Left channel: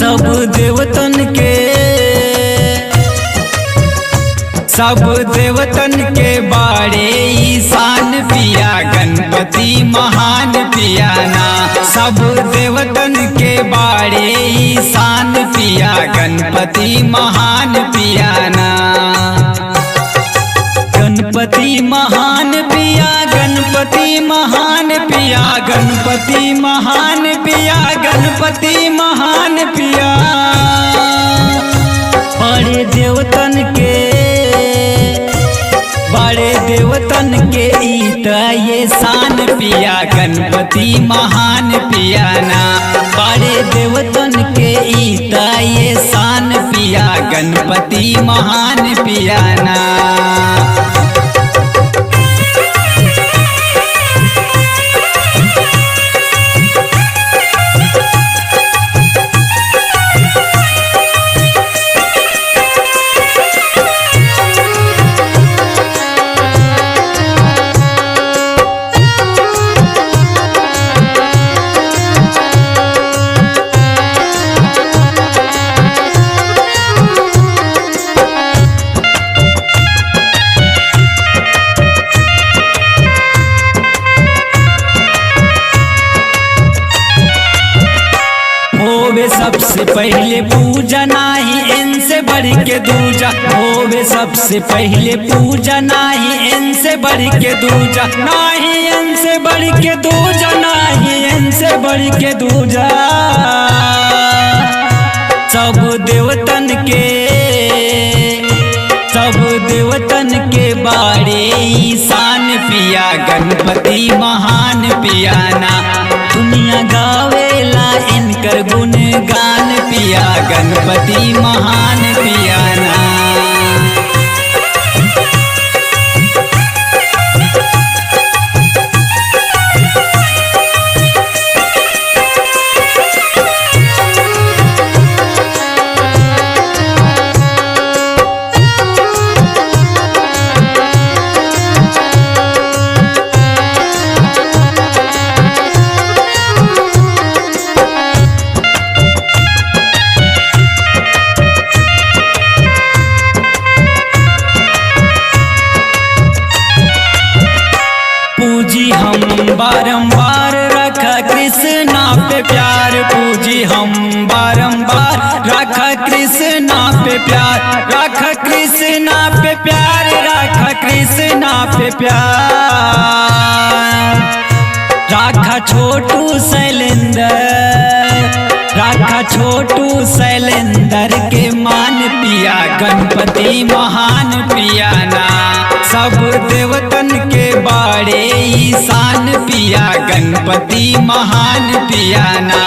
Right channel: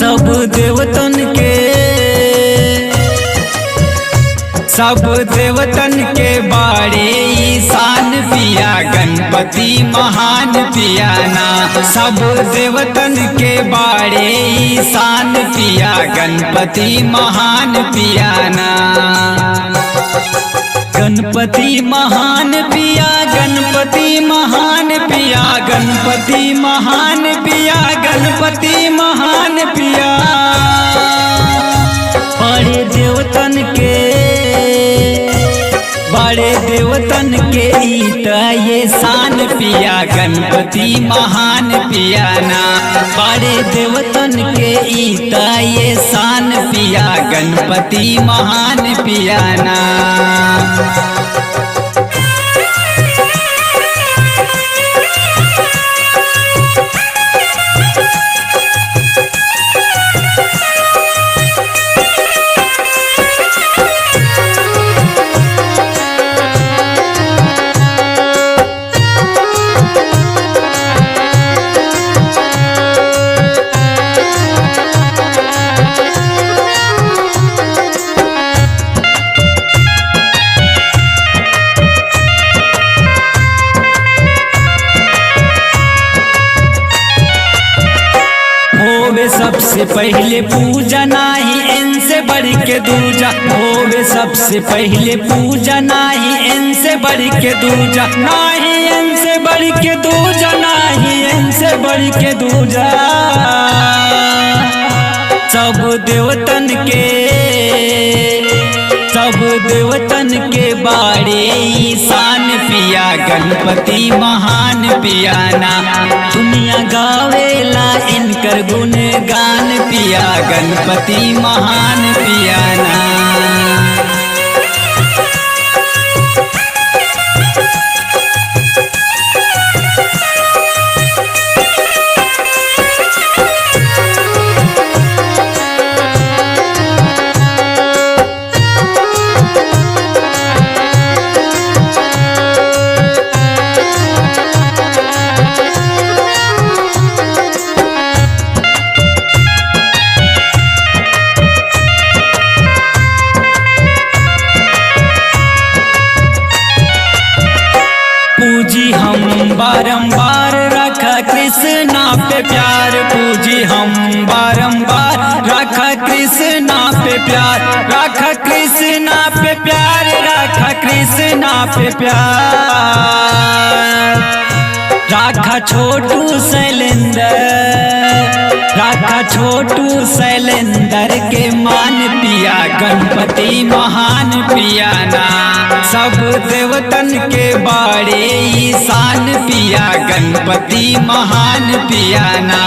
सब देवतन के बारे ईशान पिया गणपति महान पियाना। सब देवतन के बारे ईशान पिया गणपति महान पियाना। गणपति महान पिया गणपति महान पिया गणपति महान पिया गणपति महान पिया। बड़े देवतन के ईता ये शान पिया गणपति महान पियाना। बड़े देवतन के ईता ये शान पिया गणपति महान पियाना। होवे सबसे पहले पूजा नाही इनसे बढ़ के दूजा। होवे सबसे पहले पूजा नाही इनसे बढ़ के दूजा। नाही इनसे बढ़ के दूजा नाही इनसे बढ़ के दूजा। सब देवतन के बारे ईशान पिया गणपति महान पियाना। दुनिया गावेला इनकर गुण गान पिया गणपति महान पियाना। पूजी हम बारंबार रखा कृष्णा पे प्यार। पूजी हम बारंबार रखा कृष्णा पे प्यार। रखा कृष्णा पे प्यार रखा कृष्णा पे प्यार। रखा छोटू शैलेंदर के मान पिया गणपति महान पियाना। सब देवतन के बारे ईशान पिया गणपति महान पियाना।